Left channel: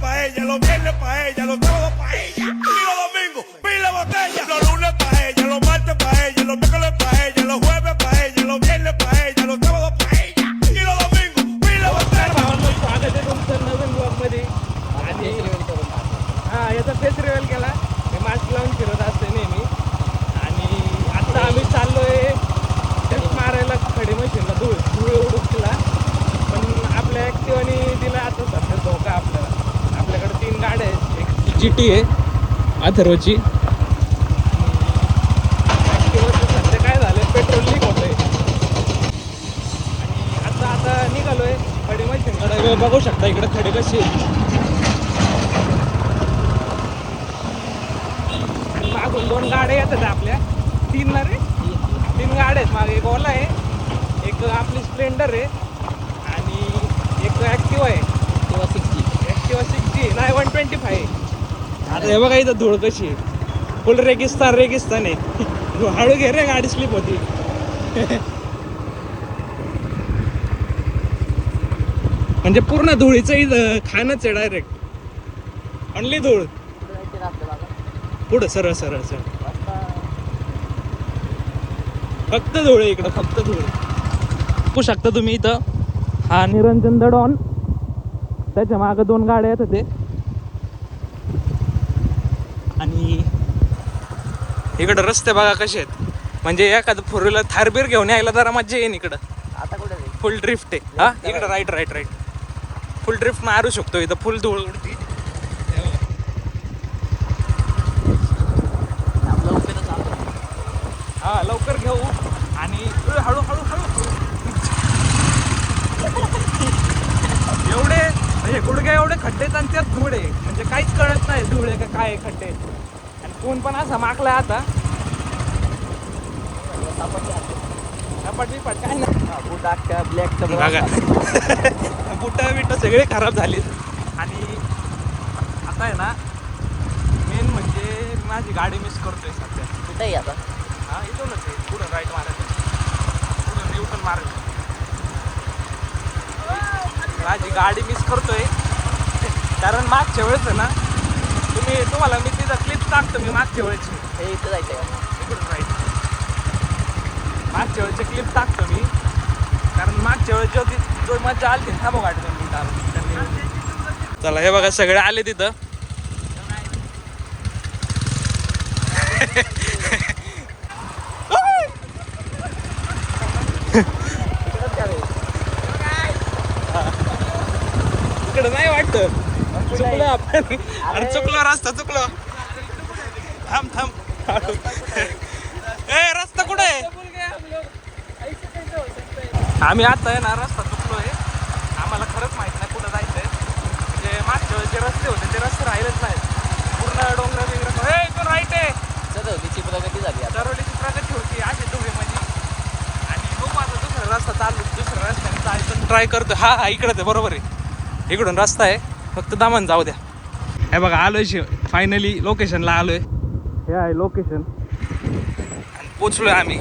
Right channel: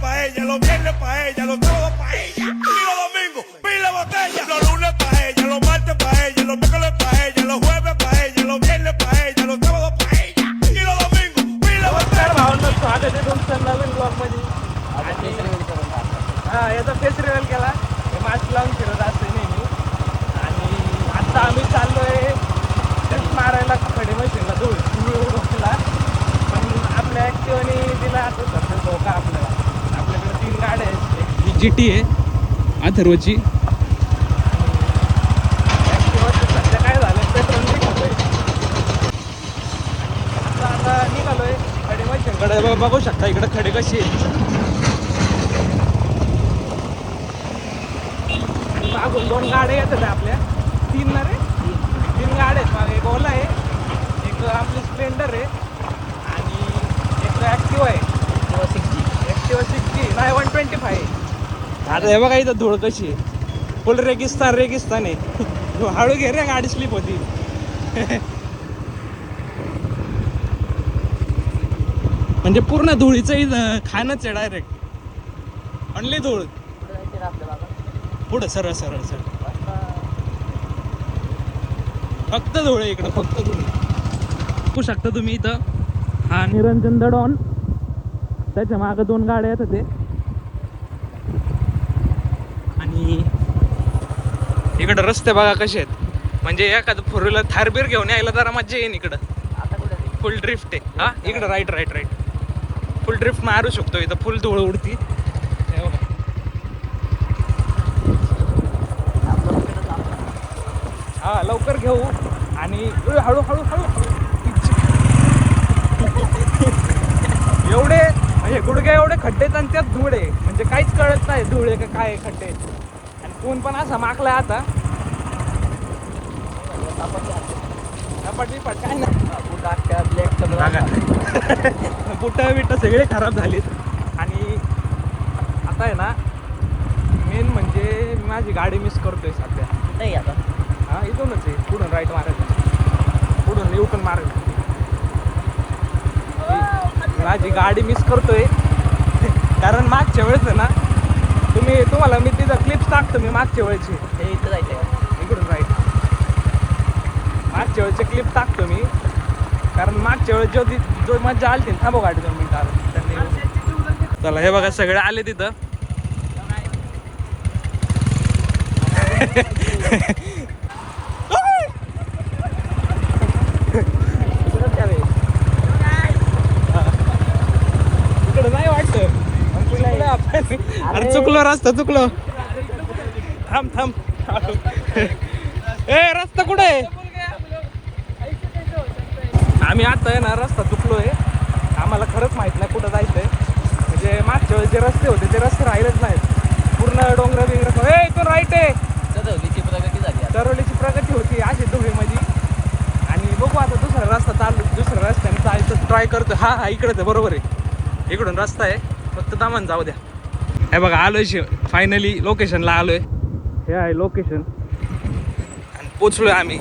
paella, los viernes paella, los sábados paella y los domingos pila botella. Los lunes paella, los martes paella, los miércoles paella, los jueves paella, los viernes paella, los sábados paella y los domingos pila नमस्कार botella. भावांनो, स्वागत आहे तुमचं नवीन blog मध्ये. हा याचा face reveal केला. मी mask लावून फिरत असते नेहमी. आणि आता आम्ही चाललोय ट्रिप मारायला खडी मशीनला धूळ उडवायला. पण आपल्या ॲक्टिवाने दिला आता सध्या धोका आपल्याला. आपल्याकडे 3 गाड्या आहेत. एक GT आहे अथर्वची आणि ॲक्टिवाचं सध्या काय झालं, पेट्रोल लीक होत आहे. आणि आता निघालोय खडी मशीनकडे. बघू शकता इकडे खडी कशी आहे. मागून 2 गाड्या येतात आपल्या. 3 ना रे, 3 गाड्या आहेत मागे. एक ओला आहे, एक आपली स्प्लेंडर आहे आणि एक ॲक्टिवा आहे. ॲक्टिवा 60 नाही 125 आहे. आता हे बघा इथं धूळ कशी आहे. फुल रेगिस्तान आहे. हळू घे रे, गाडी स्लिप होती. म्हणजे पूर्ण धुळीचं इथं खाणच आहे डायरेक्ट. आणली धूळ पुढं सरळ सरळ सरळ. फक्त धूळ आहे इकडं, फक्त धूळ. बघू शकता तुम्ही इथं. हा निरंजन दडॉन, त्याच्या मागं 2 गाड्या येतात ते. आणि इकडं रस्ते बघा कसे आहेत. म्हणजे एखादं 4 व्हीलर थारबीर घेऊन यायला जरा मज्जा येईन इकडं. फुल ड्रिफ्ट आहे. हा इकडं राईट फुल ड्रिफ्ट मारू शकतो इथं. फुल धूळ उडती. हा लवकर घेऊ. आणि हळू हळू हळू एवढे म्हणजे गुडघे एवढे खड्डे आणि त्यात धूळ आहे. म्हणजे काहीच कळत नाही धूळ आहे का काय खड्डे. आणि कोण पण असा माकलाय आता. काय बुट बिट सगळे खराब झाले. आणि आता आहे ना, मेन म्हणजे मी माझी गाडी मिस करतोय सध्या. हा इथूनच आहे, पुढून राईट मारायचं, पुढून युटर्न मारायचं. माझी गाडी मिस करतोय कारण मागच्या वेळेस आहे ना, तुम्हाला मी तिथं क्लिप टाकतो. मी मागच्या वेळेची इकडून राईट मागच्या वेळेचे क्लिप टाकतो मी. कारण मागच्या वेळेस जो मजा आली थांबव गाडी 2 मिनिटं. चला हे बघा सगळे आले तिथं. इकडे नाही वाटतं. चुकलो रस्ता, चुकलो. थांब ए रस्ता कुठे आहे? आम्ही आता आहे ना रस्ता चुकलोय. आम्हाला खरंच माहित नाही कुठं जायचंय. म्हणजे मागच्या वेळेस जे रस्ते होते ते रस्ते राहिलेच नाहीत. पूर्ण डोंगर बिंगर. इथून राईट आहे. चरोलीची प्रगती होती अशी धुळीमध्ये. आणि बघू आता दुसरा रस्त्याने जायचं ट्राय करतो. हा इकडंच आहे, बरोबर आहे. इकडून रस्ता आहे, फक्त दामन जाऊ द्या. हे बघा आलोय फायनली लोकेशनला आलोय. हे आहे लोकेशन आणि पोचलोय आम्ही.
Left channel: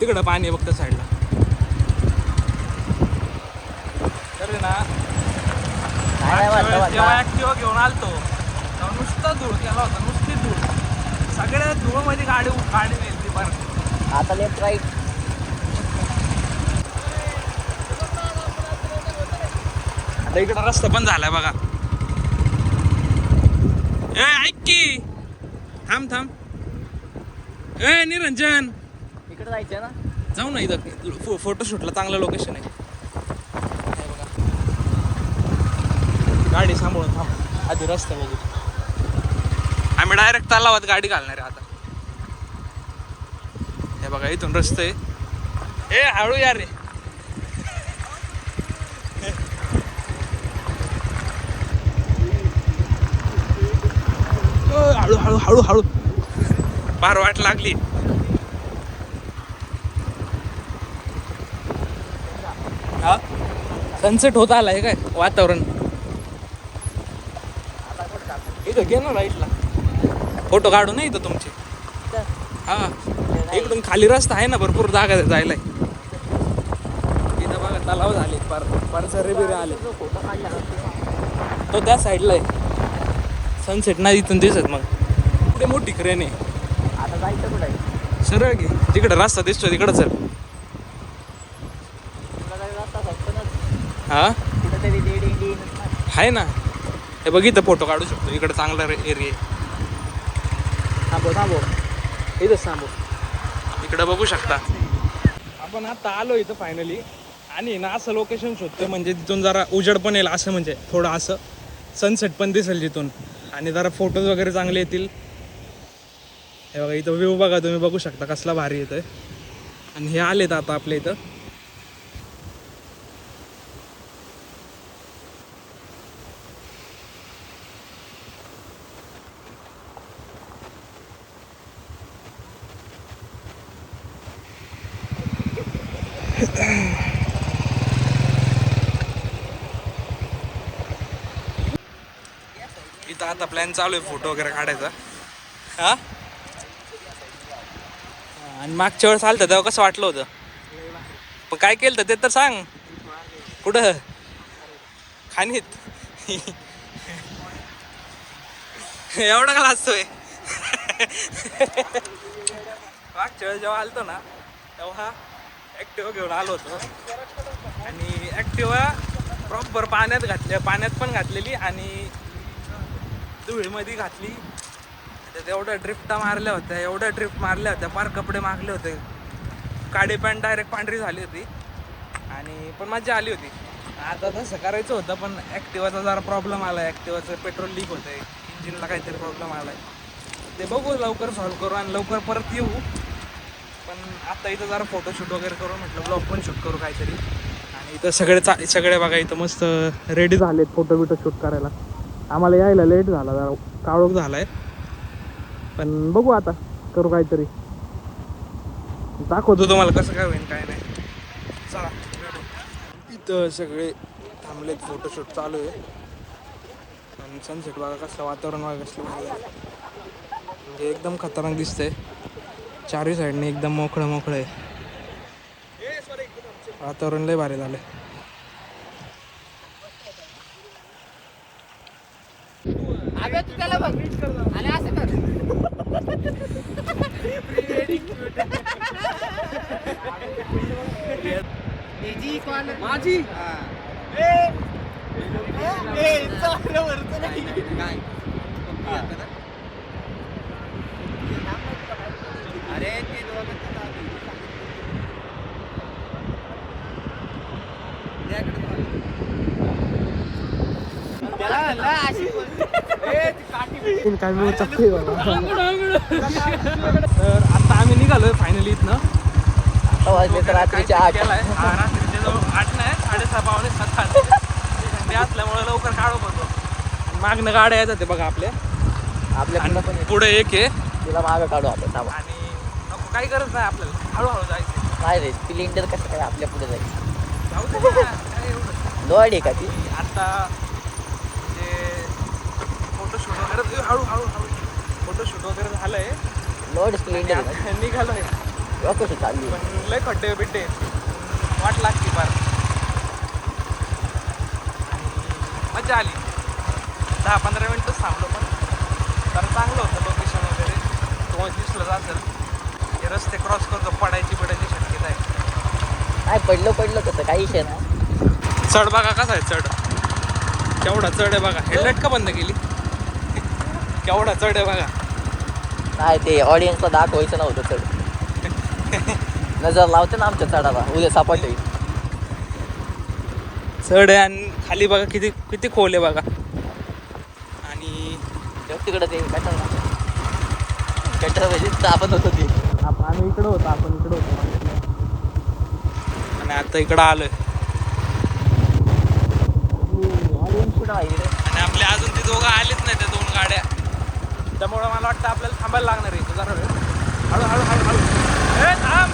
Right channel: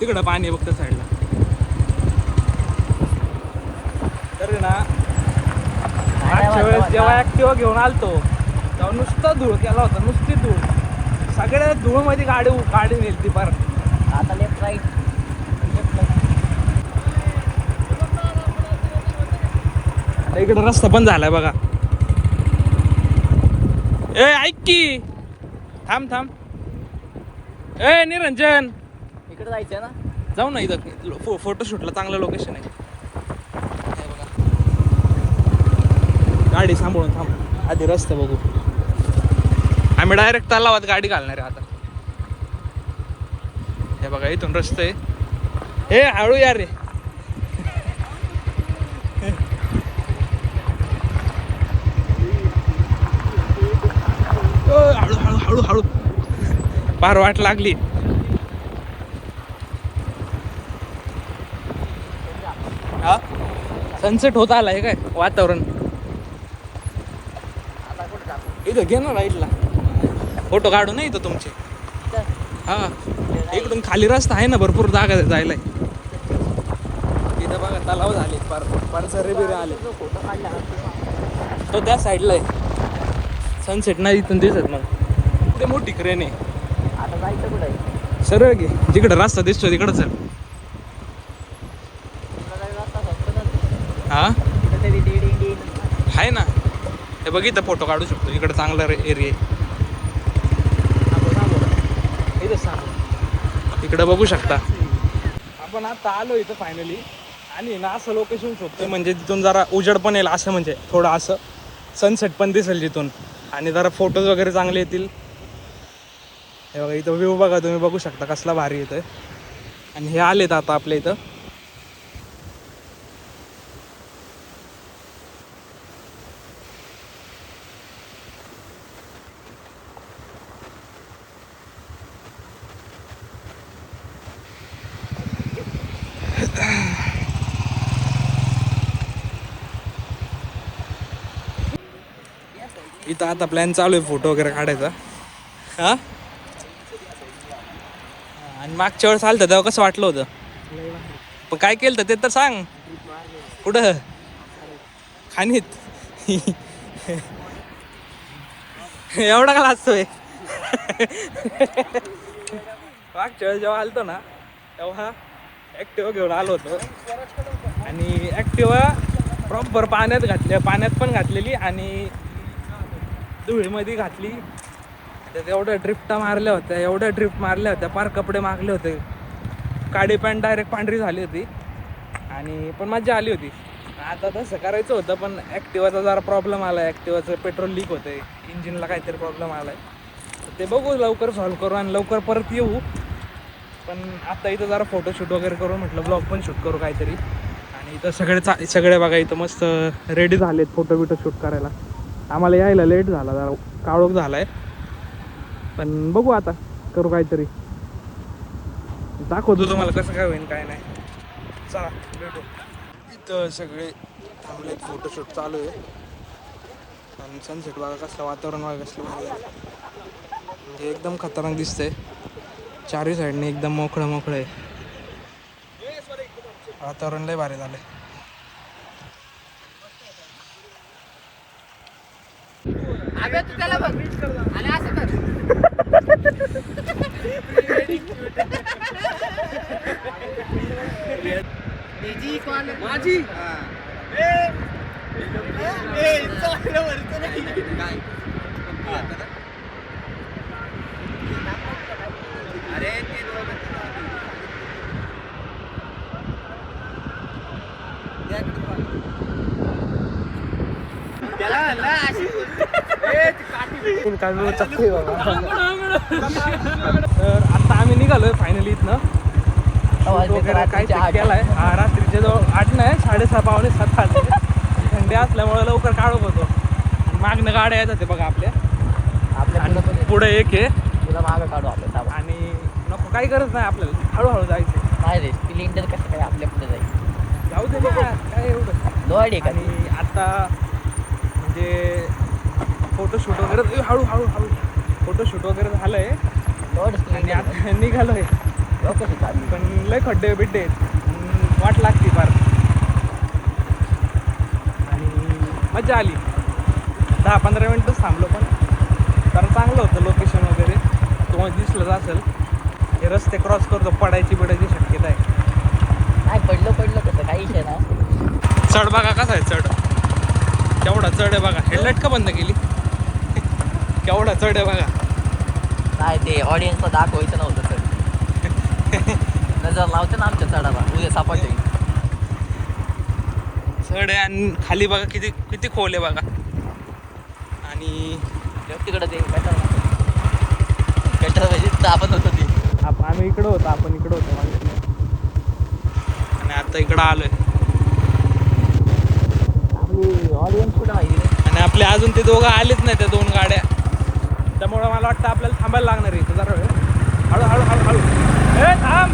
तिकडं पाणी आहे बघतं साईडला. तरी ना मागच्या वेळेस जेव्हा ॲक्टिवा घेऊन आलतो तेव्हा नुसतं धूळ केला होता, नुसती धूळ. सगळ्या धूळमध्ये गाडी नेली बरं. आता लेफ्ट राईट. इकडं रस्ता बंद झालाय बघा. ए ऐक की, थांब. ए निरंजन, इकडे जायचं ना, जाऊ ना. इथं फोटोशूटला चांगलं लोकेशन आहे. बघा गाडी सांभाळून आधी रस्ता बघू. आम्ही डायरेक्ट तलावात गाडी घालणार आहे आता. हे बघा इथून रस्ते आहे. हे हळू या रे. हळू फार वाट लागली. हा सनसेट होत आलाय काय वातावरण. फोटो काढू नाही तर तुमचे. हा एकदम खाली रस्ता आहे ना, भरपूर जागा जायला. इथं बघा तलाव झाले, परसरे बिरे आले. फोटो काढले. तो त्या साईडला आहे. सनसेट नाही इथून दिसत. मग पुढे मोठी क्रेन आहे. आता जायचं कुठं आहे? सरळ घे, जिकडे रस्ता दिसतो तिकडं चल. हा आहे ना, हे बघ इथं फोटो काढू शकतो. इकडं चांगला एरिया आहे. इथं सांग, इकडं बघू शकता. आपण आता आलो इथं फायनली. आणि ना असं लोकेशन शोधतोय म्हणजे तिथून जरा उजेड पण येईल असं, म्हणजे थोडं असं सनसेट पण दिसेल तिथून, आणि जरा फोटोज वगैरे चांगले येतील. हे बघा इथं व्ह्यू बघा, तुम्ही बघू शकता कसला भारी येतोय. आणि हे आलेत आता आपल्या इथं. इथं आता प्लॅन चालू आहे फोटो वगैरे काढायचा. हा, आणि मागच्या वेळेस आलं तेव्हा कसं वाटलं होतं, पण काय केलं ते तर सांग. कुठं खाणीत एवढा का लाजतोय. मागच्या वेळेस जेव्हा आलतो ना तेव्हा ॲक्टिवा घेऊन आलो होतो. आणि ॲक्टिवा प्रॉपर पाण्यात पण घातलेली आणि धुळीमध्ये घातली. त्यात एवढ्या ड्रिफ्टा मारल्या होत्या, पार कपडे मागले होते. काळी पॅन्ट डायरेक्ट पांढरी झाली होती. आणि पण मजा आली होती. आता तसं करायचं होतं पण ॲक्टिवाचा जरा प्रॉब्लेम आला आहे. ॲक्टिवाचं पेट्रोल लीक होतं आहे, इंजिनला काहीतरी प्रॉब्लेम आला आहे. ते बघू लवकर सॉल्व करू आणि लवकर परत येऊ. पण आता इथं जरा फोटोशूट वगैरे करू म्हटलं, ब्लॉग पण शूट करू काहीतरी. आणि इथं सगळे बघा इथं मस्त रेडी झालेत फोटो बिटो शूट करायला. आम्हाला यायला लेट झाला, जरा काळोख झाला आहे. पण बघू आता करू काहीतरी, दाखवतो तुम्हाला कसं काय होईल काय नाही. चला भेटू. इथं सगळे थांबलेत, फोटोशूट चालू आहे. आणि सनसेट बघा कसलं वातावरण बघा कसलं भारी झालं, म्हणजे एकदम खतरनाक दिसतंय. चारही साईडने एकदम मोकळं आहे. वातावरण लय भारी झालंय. माझी तर आता आम्ही निघालोय फायनली इथनं. वगैरे काय केलाय. हा, रात्रीचे जवळ 8 नाही 6:30 पावणे 7 वाजले. थंडी असल्यामुळे लवकर काढत होतो. आणि मागणं गाड्या येत होते बघा आपल्या पुढे एक आहे. आणि नको काही गरज नाही आपल्याला, हळूहळू जायचं. नाही रे, सिलेंडर कसं काय आपल्या पुढे जाईल, जाऊ दे ना, काय एवढं. आणि आता म्हणजे फोटोशूट वगैरे हळूहळू फोटोशूट वगैरे झालंय. आणि आता निघालोय. पण लय खड्डे बिड्डे वाट लागते फार. आणि मजा आली. 10-15 मिनिटच थांबलो, पण जरा चांगलं होतं लोकेशन वगैरे. तुम्हाला दिसलं असेल, हे रस्ते क्रॉस करतो, पडायची शक्यता आहे. नाही पडलं कसं काही विषय नाही. चढ बघा कसा आहे, चढ केवढा चढ आहे बघा. हेल्मेट का बंद केली, केवढा चढ आहे बघा. काय ते ऑडियन्सला दाखवायचं नव्हतं चढ. नजर लावते ना आमच्या चढाला, उद्या सापड होईल. चढ आहे आणि खाली बघा किती खोल आहे बघा. आणि तिकडे ते आपण होतो की आम्ही इकडं होतो, आपण इकडं होतो. आणि आता इकडं आलोय. ऑडियन्स कुठं आहे. आणि आपले अजून ते दोघं आलेच नाही, त्या 2 गाड्या. त्यामुळं मला वाटतं आपल्याला थांबायला लागणार आहे जरा वेळ. हळू हे थांब,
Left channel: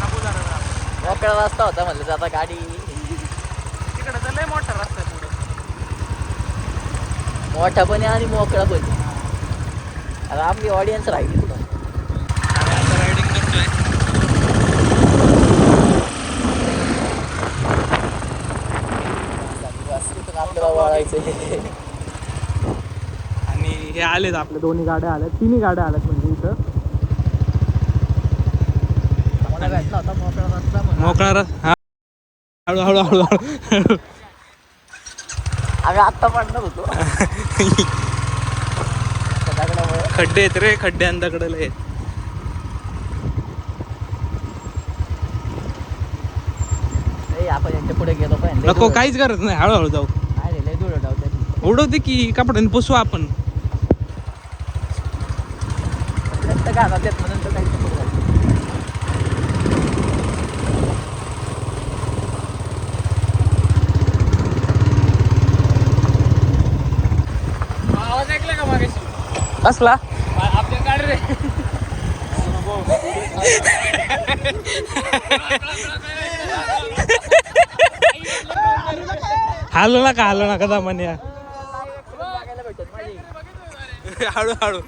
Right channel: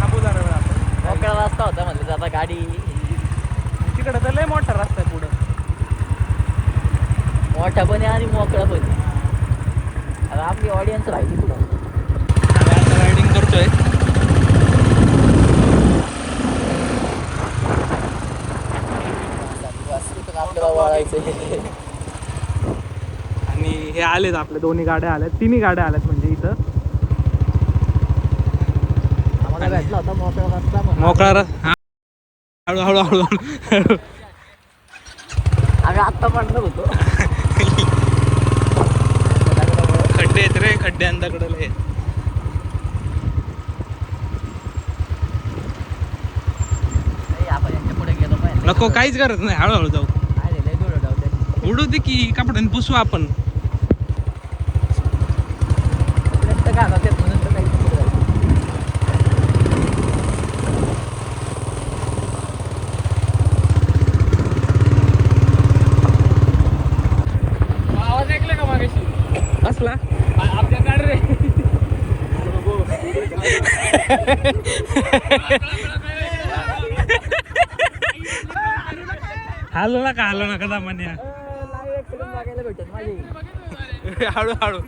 थांबू जरा वेळ आपण. मोकळा रस्ता होता म्हणजे आता गाडी तिकडं तर लय मोठा रस्ता आहे पुढं. मोठा पण आहे आणि मोकळा पण आहे. आता आपली ऑडियन्स राहिली पुढं. रायडिंग करतोय. जायचं. आणि हे आलेत आपल्या दोन्ही गाड्या आल्यात, तिन्ही गाड्या आल्यात म्हणजे इथं भेटला होता मोकळा रस्ता म्हणून. मोकळा हा. हळू हळू हळू हळू. आम्ही आत्ता म्हणणार होतो. खड्डे आहेत रे, खड्डे अंधाकडे. आपण यांच्या पुढे गेलो काय नको, काहीच गरज नाही, हळूहळू जाऊ. उडू दे की कपड्याने पुसू आपण. कसला हालू नका, हालू नका दामाने. हळू हळू.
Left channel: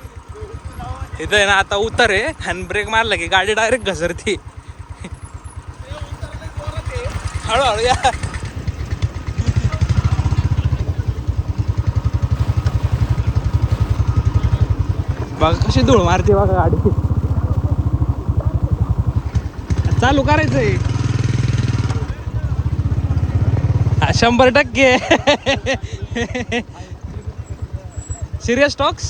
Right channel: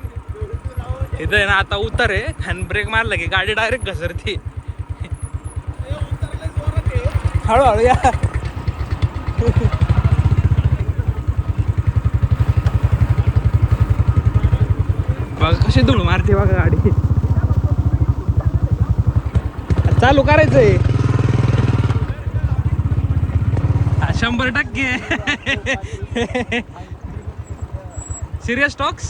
इथं आहे ना आता उतर आहे, आणि ब्रेक मारला की गाडी डायरेक्ट घसरती. हळूहळू या. बघा कशी धूळ मारते बघा गाडी. चालू करायचंय 100%. Serious talks.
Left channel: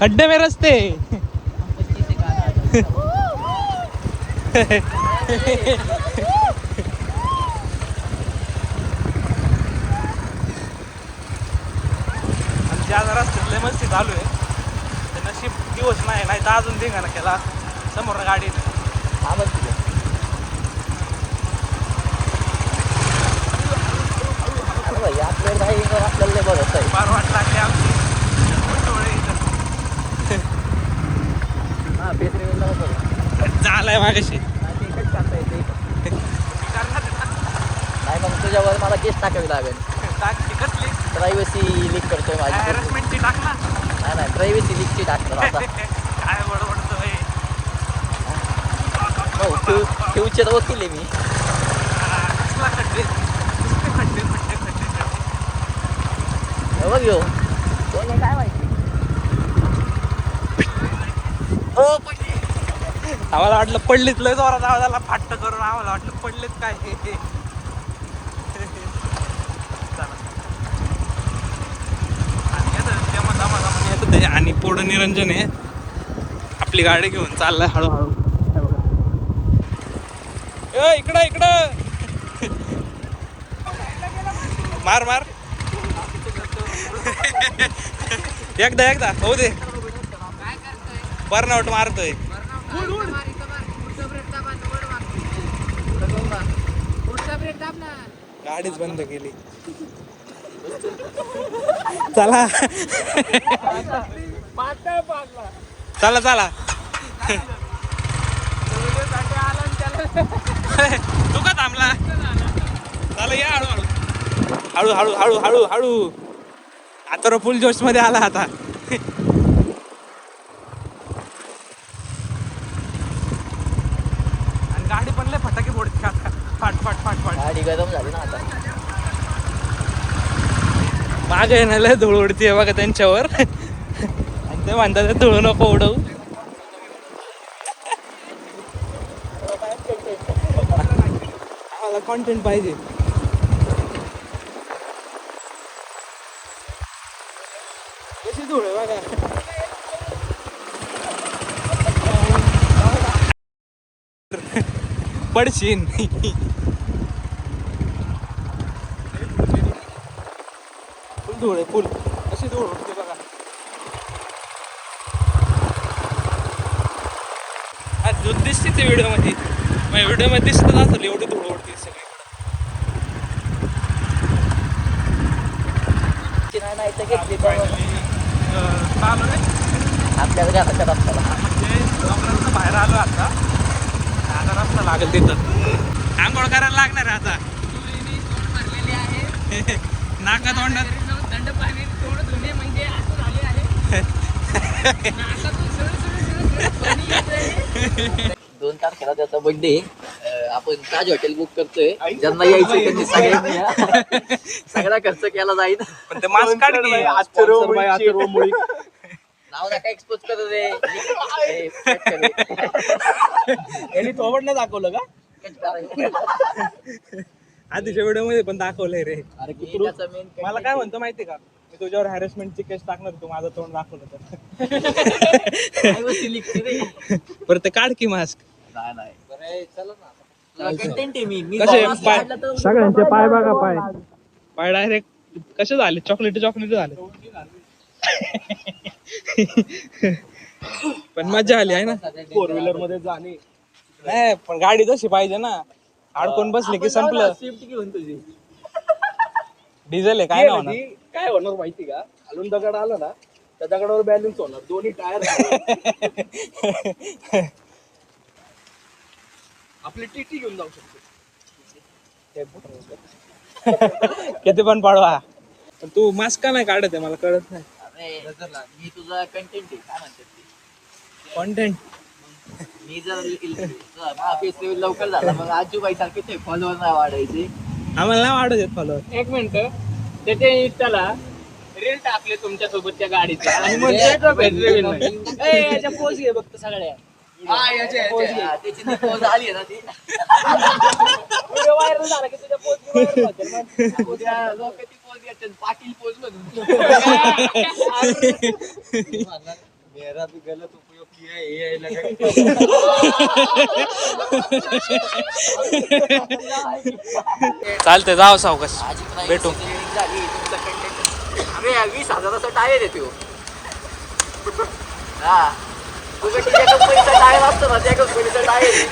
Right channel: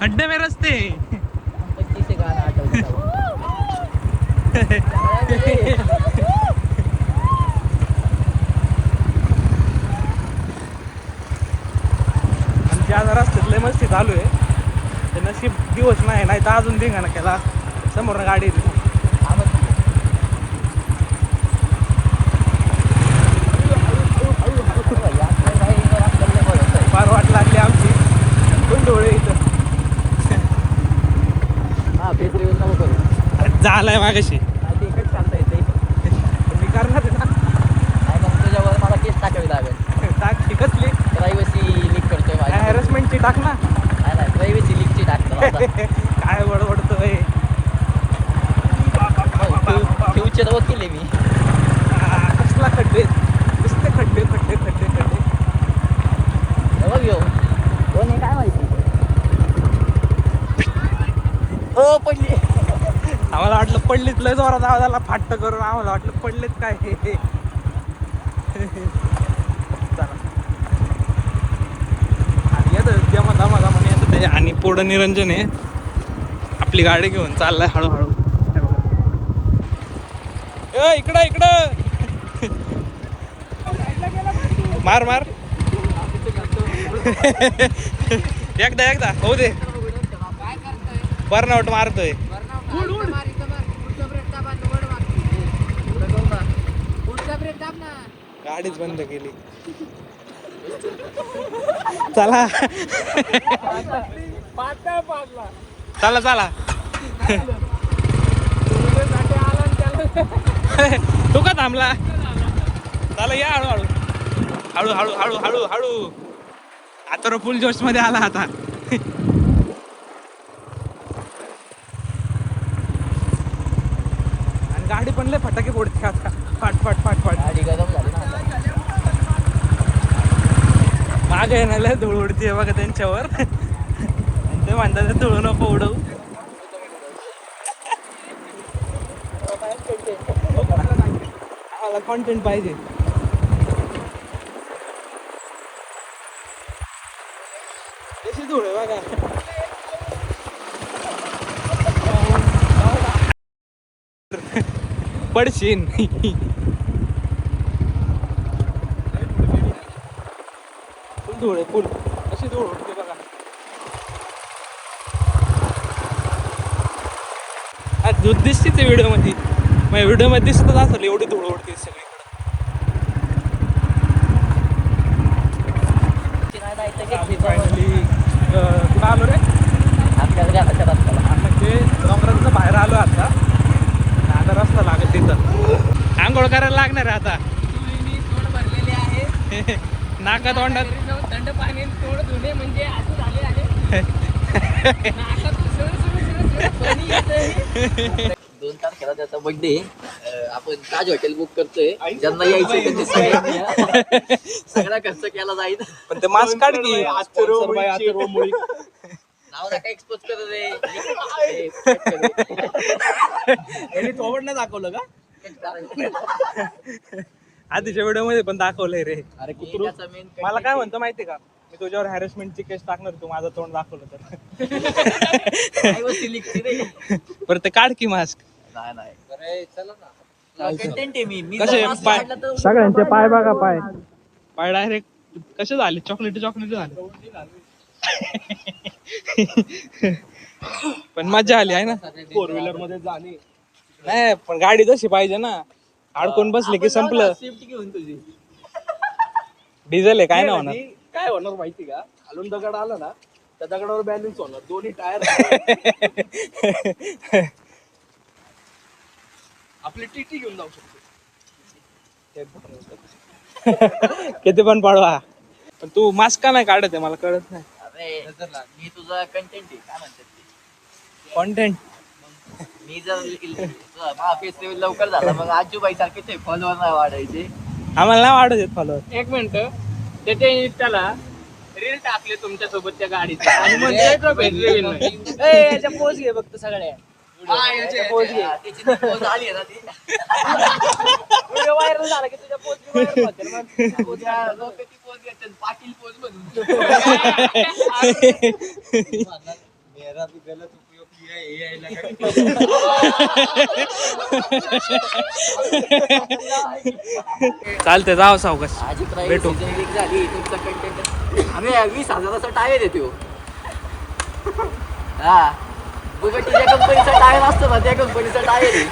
खड्डे में रस्ते. आमच्या आज रस्त्यात लय मस्ती चालू आहे. ते नशीब दिवस नाही तर अजून धिंगाणा केला. समोर गाडी येते. फार वाट लागली आमची. फुल डोळे इथं झालाय मागाशी. मी करणार आहे ना. तुझ्यावर मला केस टाकावी लागेल. टाक ती कसली प्रायव्हसी लीक करते माझी. हॅरेसमेंटची टाक ना. नाही प्रायव्हसी लीकची टाकते. काय बडबडतोय. फ्युचर वकील आहे मी. कसला खड्डे, नुसते खड्डे खड्डे खड्डे खड्डे. बघ ह्यो. दोन्ही काय माहिती. ओ पडली. आम्हाला वाटलं पडलीत, लय जोरात आवाज आला फाट्ट करून. आम्हाला वाटलं पडलेत काय. चला आणि येतं जमा दमा दमा येते. आणि पुढं निरंजन आहे आपली गाडी घेऊन चाललाय हळूहळू. इकडं इकडं मार मार. एकदा हो दे. बर्नआउट मारतोय. गाडीच बंद केली. चला चला चला. तू का थांबला. चला या हळूहळू हळू हळू हळू हळू हळू. आता फुल जोश मध्ये आला आता. आणि गाडी पण लय फटाके फोडते आता. फाट फाट फाट फाट. गाडी गरम झाली ना आता. माझ्या येणं लय धूळ उडते बघा त्यांच्यावर. ते म्हणतात धूळ नको उडवू. आम्हाला कॉन्टेंट पाहिजे. कशी धूळ बघा. पडशीन. फुल धूळ आहे फुल. कशी धूळ उडते बघा. दूध दिसते ते व्हिडिओमध्ये. माझ्या व्हिडिओमध्ये दिसतच असेल एवढी धूळ उडते सगळी. फायनली कुठं आलो रे. आपल्याला आता रस्त्याला म्हणजे डोंगराचं बाहेर आलो आता. आता रस्ता लागेल तिथं. आंघोळ करायला लागणार आहे आता. नाका तोंडात थंड पाणी थोडं धुणे म्हणजे असं झाले आहे. 2 तारखेला त्याचा बर्थडे. आपण ताज हॉटेल बुक करतोय ज्यांना यायचं त्यांनी सगळ्यांनी या. सगळा खर्च केला जाईल. पण ते मास्क काढ की नाव नका एक्सपोज करू दे. यांनी थोबड नाही दाखवलं का आधीच्या व्हिडिओ मध्ये पण दाखवलंय रे. अरे कुत्रू मला काय म्हणतो माहितीये का, मी तुझ्यावर हॅरेसमेंटची केस टाकणार तू माझं तोंड दाखवलं तर. बरं ते काढ की मास्क. नाही कंटेंट आहे मी कसे mask पाय काढला तर- सगळ्यांचे पाय बघा पाय पाय डायरेक्ट कसे झाले चॉकलेटी झाले. पण मजा आली आहे ना 4 व्हीलर मध्ये जाणे. नाही पण गाडी तशी पाहिजे ना, अडकून बसले की संपलं. डिझेल आहे काय ना काय होणार माहिती का, खालून दगड आला ना त्या दगडावर बॅलन्स होणार, दोन्ही टायर आपली टीटी घेऊन जाऊ शकतो. किती पण पाडवा. पण तू मास्क का नाही काढत आहे मला कळत नाही. अरे मी तुझा कंटेंट आहे काय म्हणतात ते. कॉन्टेंट मी जर फेस्टिवल लवकर झाला मग आजूबाई सारखे ते फॉलोअर नाही वाढायचे. आम्हाला नाही वाढत येत फॉलोअर. एक मिनिट त्याच्या इंस्टाला रील टाकले तुमच्या सोबतच्या गाडीचा आणि मग त्याचा भेटले नाही. याच्या पोज घे बघतो सगळ्या पोज घे त्याची पोज आली ना ती व्हायरल झाला की तुझ्या पोज उद्या लोक ती पोज घेतात पाटील पोज म्हणून. मेरा भी गलत उपयोग किया है AI लगा. चालतंय जाऊ सावकाश भेटू. अरे 20,000चा टायर आहे तो. हा बुगटीच्या कंपनीचा टायर असतो ना त्या कंपनीचा टायर आहे.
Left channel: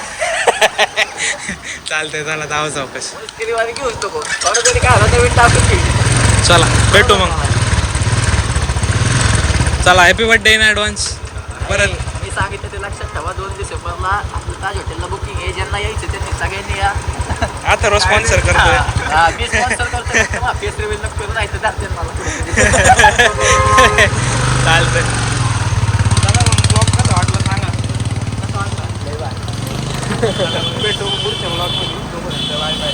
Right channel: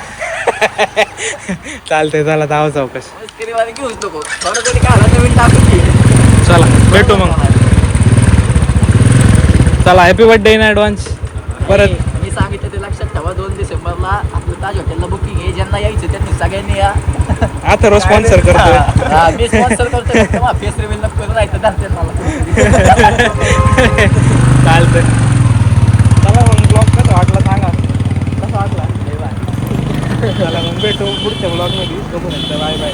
चालतंय चला जाऊ सावकाश. मस्करीवारी घेऊच नको थोडं तरी काय झालं तर टाकून घे. चला भेटू मग. चला हॅपी बर्थडे इन ऍडव्हान्स. परत मी सांगितलं ते लक्षात ठेवा 2 डिसेंबरला आपलं ताज हॉटेलला बुकिंग आहे. ज्यांना यायचं त्यांनी सगळ्यांनी या. आता स्पॉन्सर करतोय. हा, मी स्पॉन्सर करतोय. फेस रिव्हील नको करून जायचं जाते मला. चालतंय चला मग ब्लॉग कसा वाटला सांगा. कसा वाटला चला मग भेटू पुढच्या ब्लॉग मध्ये. तोपर्यंत बाय बाय.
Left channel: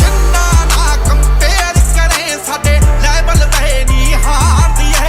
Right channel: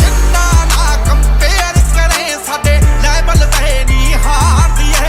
जिंदा ना कंपेयर करें साडे लेवल ते नहीं हार दिए